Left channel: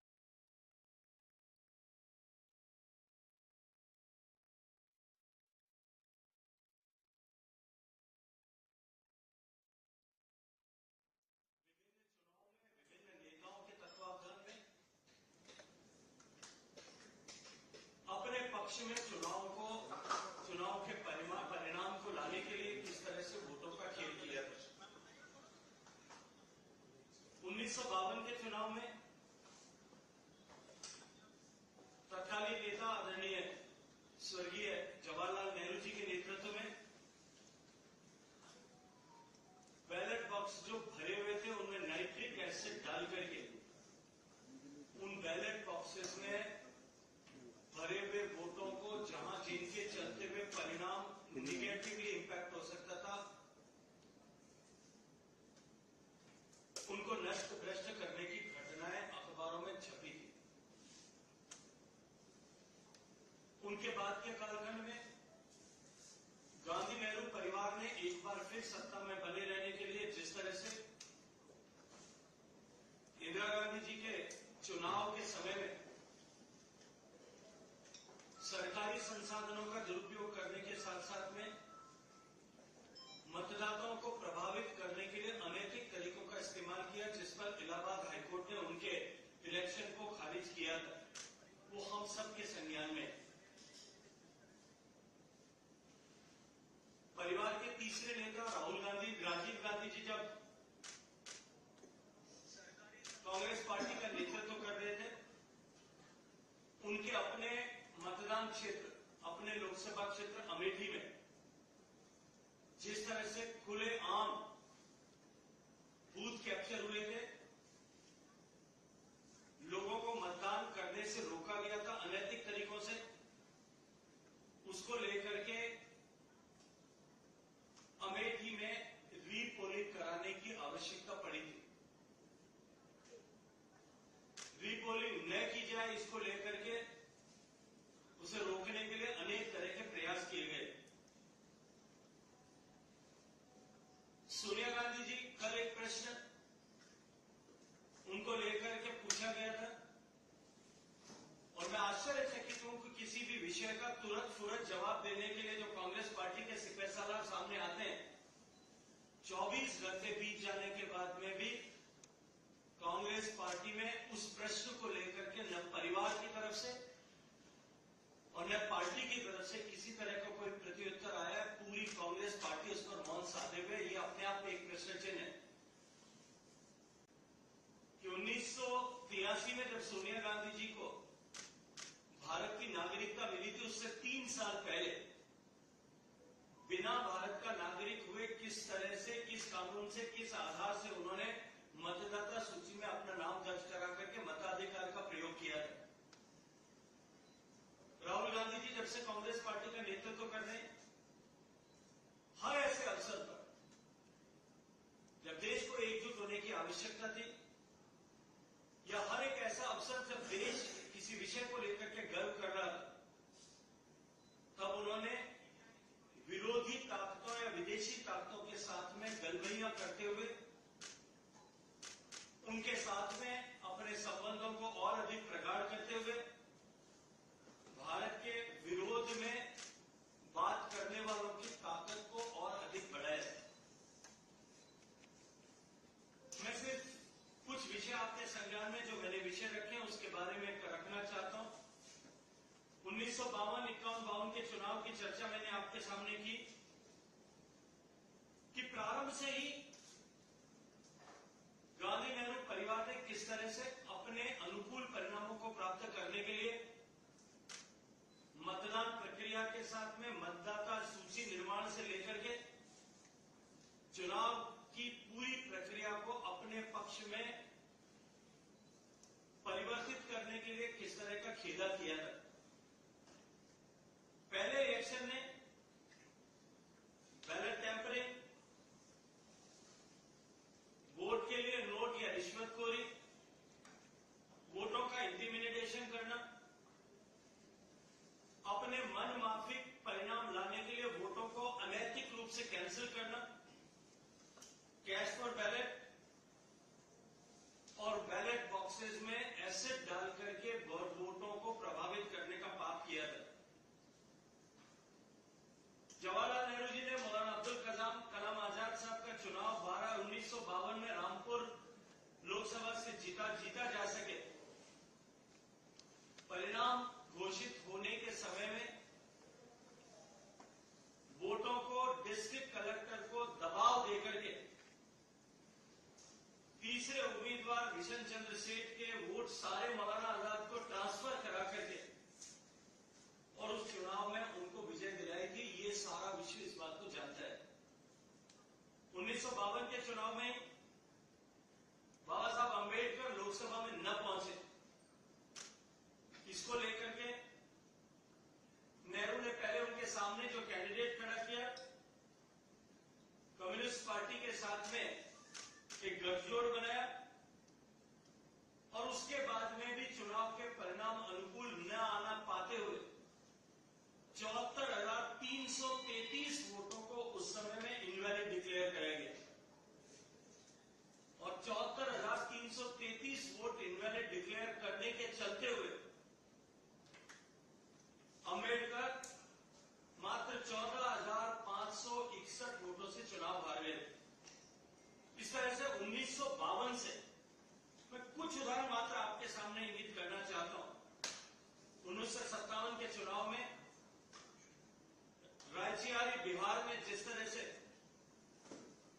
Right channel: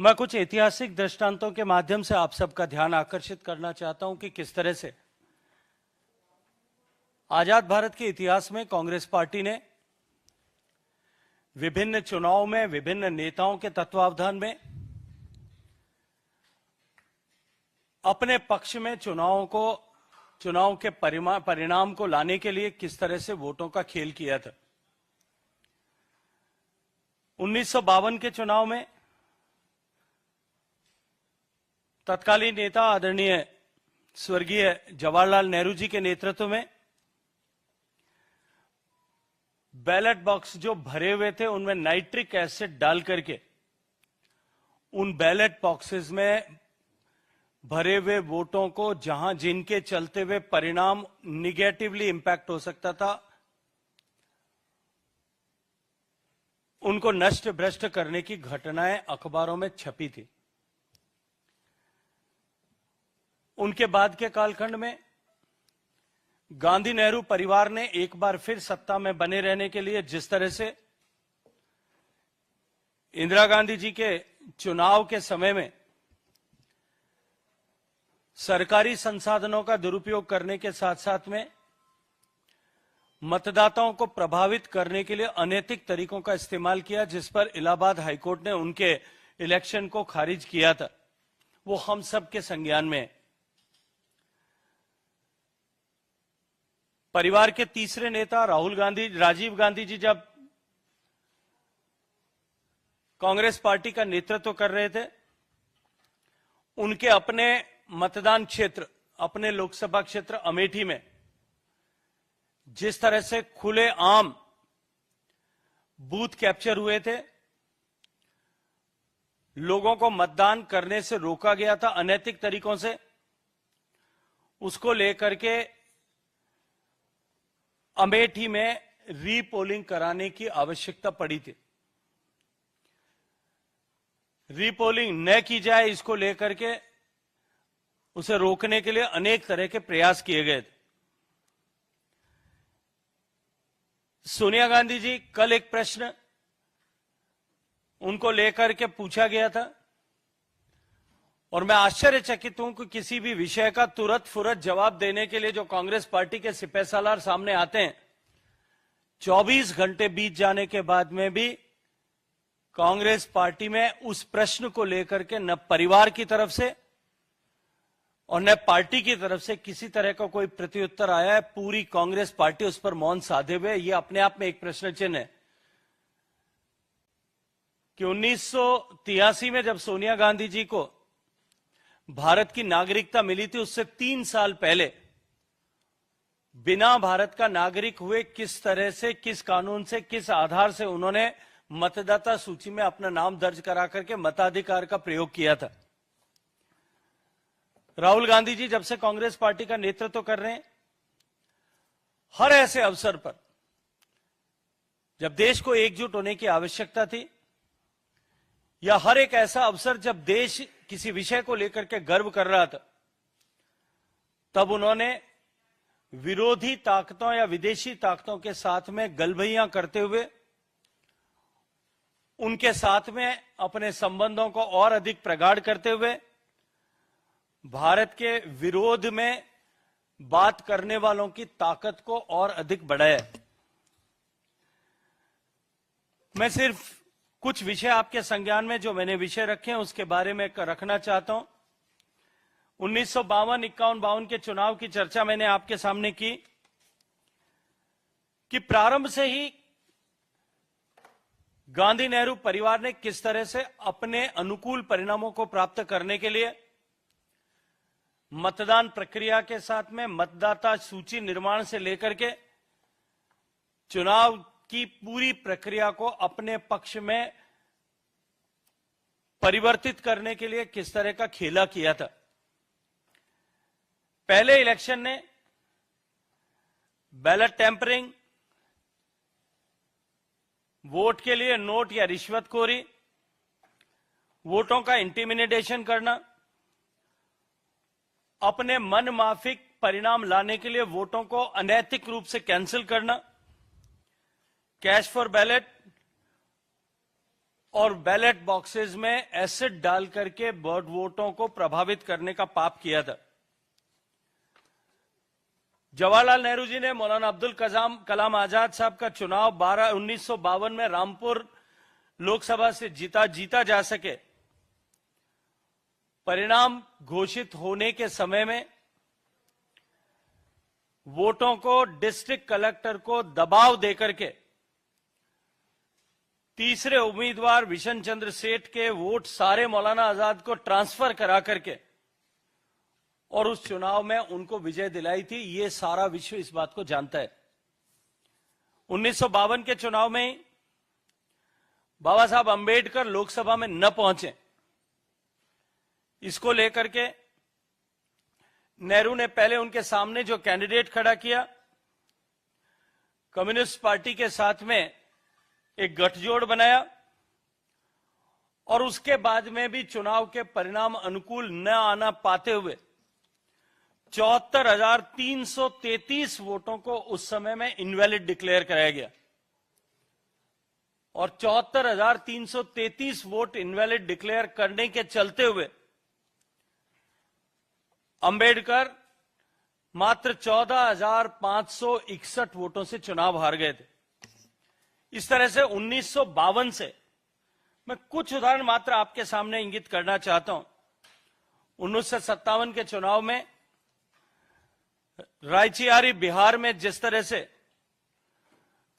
मैं कुछ ऐतिहासिक दृष्टांतों के माध्यम से आप सबका ध्यान आकर्षित करना चाहता हूं कि किस तरह से आजाद भारत के इतिहास में कांग्रेस पार्टी ने विभिन्न चुनावों में विभिन्न नेताओं के तत्वावधान में अपने पक्ष में चुनाव के परिणाम को लाने के लिए किस तरह से वोटों का खेल किया था। 1952 के चुनाव में तत्कालीन नेता आदरणीय स्वर्गीय जवाहरलाल नेहरू जी के नेतृत्व में बैलेट बॉक्स जो भरे हुए थे उनमें नाइट्रिक एसिड डाल करके उन बैलेट बॉक्सेस में भरे हुए वोटों को जिनके चलते हुए परिणाम निगेटिवली इंपैक्ट हो सकता था, उनको नष्ट भ्रष्ट करने की घटनाएं अखबारों में छपी थी। उनके बाद के कालखंड में गांधी नेहरू परिवार ने एक बार फिर सत्ता में बने रहने के लिए जिस तरह से इंदिरा गांधी जी के चुनाव के समय में सरकारी संसाधनों का दुरुपयोग करने के साथ साथ में मतदाताओं को प्रभावित करने के लिए अनैतिक तरीकों का इस्तेमाल किया, जिस पर इलाहाबाद हाईकोर्ट ने उनके इलेक्शन को खारिज किया था, वो हम सब के संज्ञान में है। परिवार के तीसरे नेता राजीव गांधी जी जब कांग्रेस पार्टी का नेतृत्व कर रहे थे, उनके अपने मतदान क्षेत्र, अपने लोकसभा क्षेत्र अमेठी में जिस तरह से खुले आम बूथ कैप्चर हुए थे, लोगों को मतदान करने से रोका गया था अनैतिक तरीकों से, उसको लेकर के अमेठी में रीपोलिंग कराने की आवश्यकता पड़ी थी। रीपोलिंग न की जाए, इसको लेकर के उसे रोकने के लिए अनेक तरह के प्रयास किए गए थे। सोनिया गांधी जी, कल एक प्रश्न उनको लेकर के पूछा गया था और मैं आश्चर्यचकित हूं कि किसी भी विषय का तुरंत फुरत जवाब देने के लिए जो कांग्रेस पार्टी के सिपहसालार सामने आते हैं, 24 घंटे बीत जाने के बाद में भी कांग्रेस पार्टी में उस प्रश्न को लेकर के न परिवार की तरफ से और न पार्टी की तरफ से किसी तरह का कोई प्रत्युत्तर आया है। पूरी कांग्रेस पार्टी उस पर मौन साधे हुए, यह अपने आप में एक प्रश्न चिन्ह है कि 1983 में जब सोनिया गांधी जी को भारत की नागरिकता मिली थी, उससे 3 साल पहले बिना भारत का नागरिक हुए किस तरह से, किस कानून से, किस आधार से उन्होंने मतदाता सूची में अपना नाम दर्ज करा करके मताधिकार का प्रयोग किया था। राहुल गांधी जी जब से कांग्रेस पार्टी का नेतृत्व कर रहे हैं, हर ऐसे अवसर पर जब देश को एकजुट होने की आवश्यकता थी या हर एक ऐसा अवसर जब देश किसी विषय को लेकर के गर्व कर रहा था, तब उन्होंने विरोधी ताकतों या विदेशी ताकतों के साथ में गलभैयां करते हुए उनके साथ में अपने संबंधों को और अधिक प्रगाढ़ करते हुए भारत के विरोध में बात करने वालों की ताकत को और अधिक बढ़ाया। मैं सिर्फ कुछ विषय आपके संज्ञान में जो मैंने विषय रखे हैं उसके बारे में रखना चाहता हूं। 1952, 51 के चुनाव की चर्चा मैंने आपके सामने की कि प्रारंभ से ही गांधी नेहरू परिवार ने किस तरह से अपने अनुकूल परिणामों को प्राप्त करने के लिए मतदान प्रक्रिया के साथ में मतदाता सूची निर्माण से लेकर के चुनाव की पूरी प्रक्रिया को अपने पक्ष में परिवर्तित करने के लिए किस तरह का खेला किया था। पहले इलेक्शन ने बैलेट टेम्परिंग, वोट के लिए नोट या रिश्वतखोरी, वोटों का इंटिमिडेशन करना, अपने मन माफिक परिणाम लाने के लिए वोटों को अनैतिक रूप से कैंसिल करना, कैश फॉर बैलेट, और बैलेट बॉक्सेस में एसिड डाल करके वोटों को प्रभावित करने का पाप किया था। जवाहरलाल नेहरू जी ने मौलाना अब्दुल कलाम आजाद साहब का चुनाव 1952 में रामपुर लोकसभा से जीता जा सके, परिणाम घोषित होने के समय में वोटों को डिस्ट्रिक्ट कलेक्टर को दबाव देकर के तीसरे उम्मीदवार विशन चंद्र सेठ के वोट सारे मौलाना आजाद को ट्रांसफर करा करके और उस चुनाव में उनको विजय दिलाई थी। ये सारा विश्व इस बात को जानता है। 1952 के चुनाव में बाबा साहब अंबेडकर लोकसभा में न पहुंचे, इसको लेकर के नेहरू ने पहले उनके सामने जो कैंडिडेट खड़ा किया, कम्युनिस्ट पार्टी के साथ में एक गठजोड़ बनाया और उसके बाद में भी चुनाव के परिणाम अनुकूल न आना पाते हुए 74,333 वोटों को उस समय में इनवैलिड डिक्लेयर कराया गया और 74,333 वोट इनवैलिड डिक्लेयर करने के चलते हुए अंबेडकर मात्र 14,561 वोटों से चुनाव हार गए थे। इस तरह से 1952 से मैं कुछ उदाहरण मात्र आपके सामने इंगित करना चाहता हूं। 1957 के चुनाव में रायचियारी बिहार में जिस तरह से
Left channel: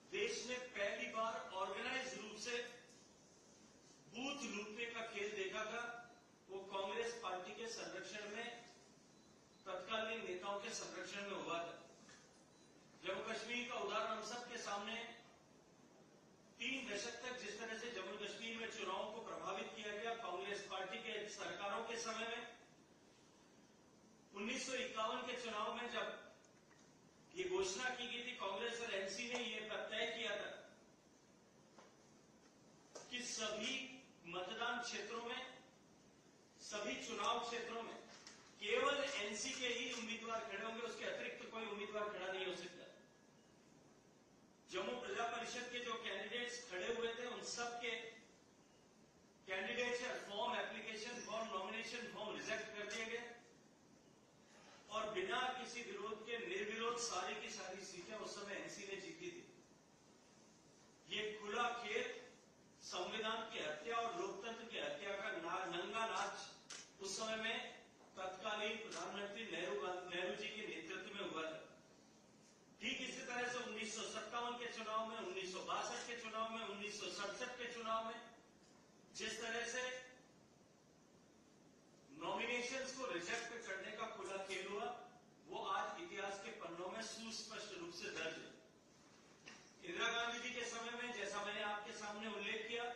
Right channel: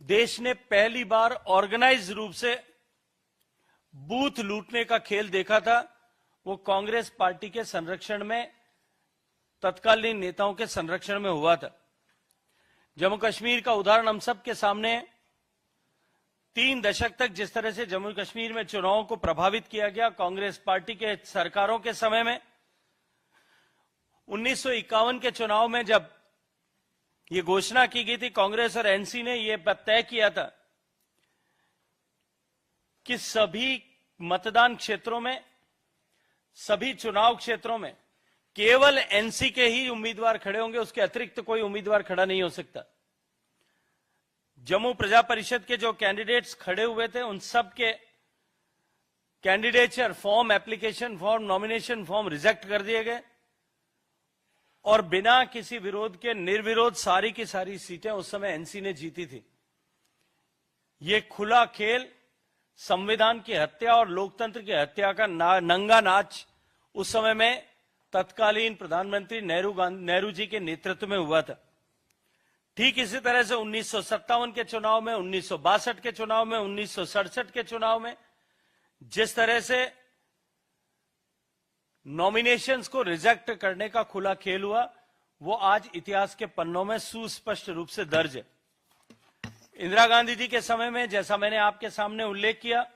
देश ने पहली बार ऑर्गेनाइज रूप से बूथ लूटने का खेल देखा था, वो कांग्रेस पार्टी के संरक्षण में, तत्कालीन नेताओं के संरक्षण में हुआ था। जम्मू कश्मीर का उदाहरण हम सबके सामने है। 3 दशक तक जिस तरह से जम्मू कश्मीर में चुनावों को प्रभावित किया गया कांग्रेस पार्टी के सरकारों के समय में, 1951 के चुनाव में जब ये घोषणा की गई थी, कांग्रेस और एनसी ने यह तय किया था कि सभी मतदान क्षेत्रों में, सभी चुनाव क्षेत्रों में केवल एनसी के ही उम्मीदवार खड़े होंगे, उसके अतिरिक्त कोई उम्मीदवार खड़ा नहीं हो सकता। जम्मू प्रजा परिषद के जो कैंडिडेट्स खड़े हुए थे उन सब के candidature form, application form, nomination form reject कर दिए गए और बिना किसी विरोध के निर्विरोध सारी की सारी सीटें उस समय एनसी ने जीती थी। यह खुला खेल, संविधान की हत्या और लोकतंत्र की हत्या का नंगा नाच उस समय में तत्कालीन प्रधानमंत्री नेहरू जी के नेतृत्व में हुआ था। ठीक इसी तरह से 1957 के चुनाव में, 1962 के चुनाव में, 1967 के चुनाव में जिस तरह से नॉमिनेशंस को रिजेक्ट करने का खुला खेल हुआ, वो आज इतिहास के पन्नों में सुस्पष्ट रूप से दर्ज है। इंदिरा गांधी जी के समय में, जैसा मैंने आपके सामने उल्लेख किया,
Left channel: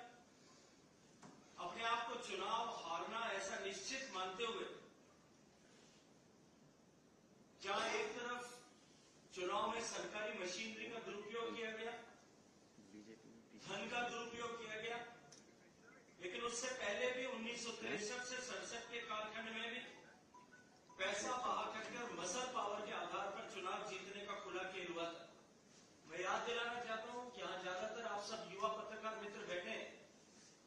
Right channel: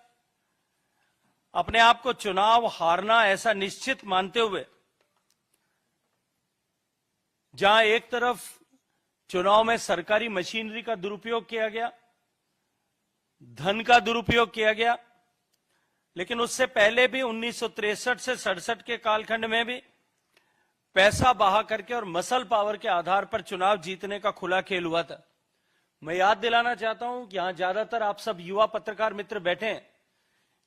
अपने आप को चुनाव हारना ऐसा निश्चित मानते हुए, जहां एक तरफ चुनाव में सरकारी मशीनरी का दुरुपयोग किया गया, धन का दुरुपयोग किया गया, लेकिन उससे पहले भी 1963 से 67 के कालखंड में भी पैसा बहा करके और मसल पावर के आधार पर चुनाव जीतने का खुला खेल हुआ था। मैं याद दिलाना चाहता हूं कि यहां ज्यादातर आप सब युवा पत्रकार मित्र बैठे हैं।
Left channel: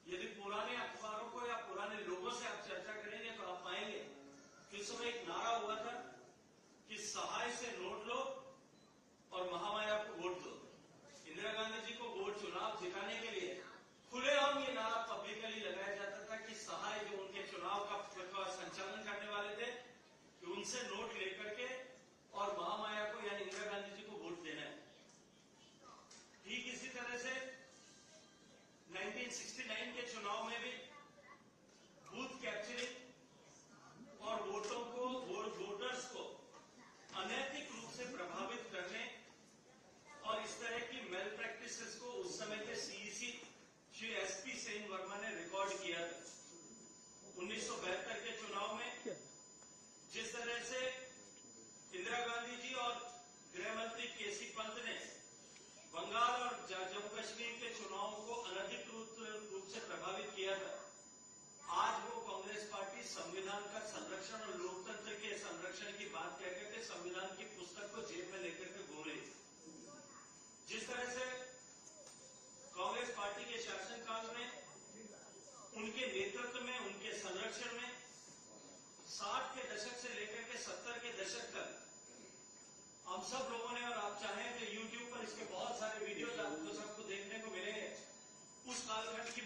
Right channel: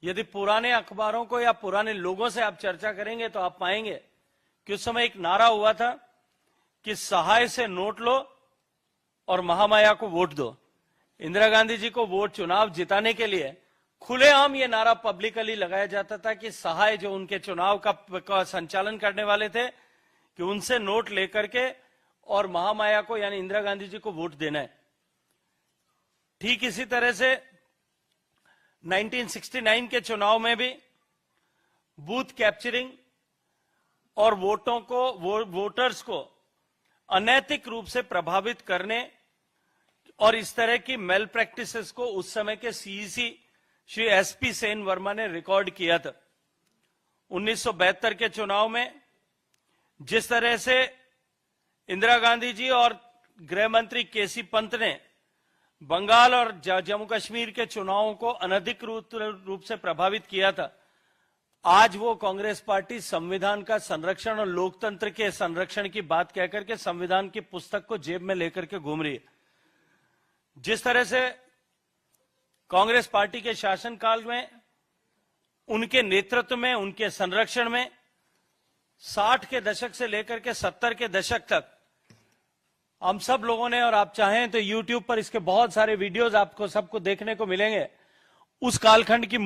यदि पुराने अखबारों को या पुराने लोगों से आप चर्चा करेंगे तो आप पाएंगे कि उस समय एक नारा हुआ था कि सहाय से नोट लो और महामाया को वोट दो। इंदिरा गांधी जी को वोट चुनाव जिताने के लिए खुलेआम ये नारा पब्लिकली लगाया जाता था कि सहाय जो उनके चुनाव का संचालन करने वाले थे कि उनसे नोट लेकर के और महामाया को यानी इंदिरा गांधी जी को वोट देना है। ठीक इसी तरह से 1969 के चुनाव में भी बूथ कैप्चरिंग और वोटर्स को अनैतिक रूप से प्रभावित करने और इस तरह की मेल प्रैक्टिसेस को उस समय के सीईसी श्री एसपी सेन वर्मा ने रिकॉर्ड किया था। 1972 के चुनाव में जिस तरह से इंदिरा गांधी जी और गृह मंत्री केसी पंत ने बंगाल और जम्मू कश्मीर के चुनावों को अनधिकृत रूप से प्रभावित किया था, आज वो कांग्रेस पार्टी संविधान का संरक्षण और लोकतंत्र के संरक्षण की बात कहकर के संविधान की पुस्तक को जेब में लेकर के घूम रही है। जिस तरह से कांग्रेस पार्टी के शासनकाल में उनके नेतृत्व में, उनके संरक्षण में 60 के दशक से लेकर के 70 के दशक तक हम सब लोगों ने, और आप चाहें तो YouTube पर इसके बहुत सारे वीडियोस आपको सबको देखने को मिलेंगे, उस कालखंड की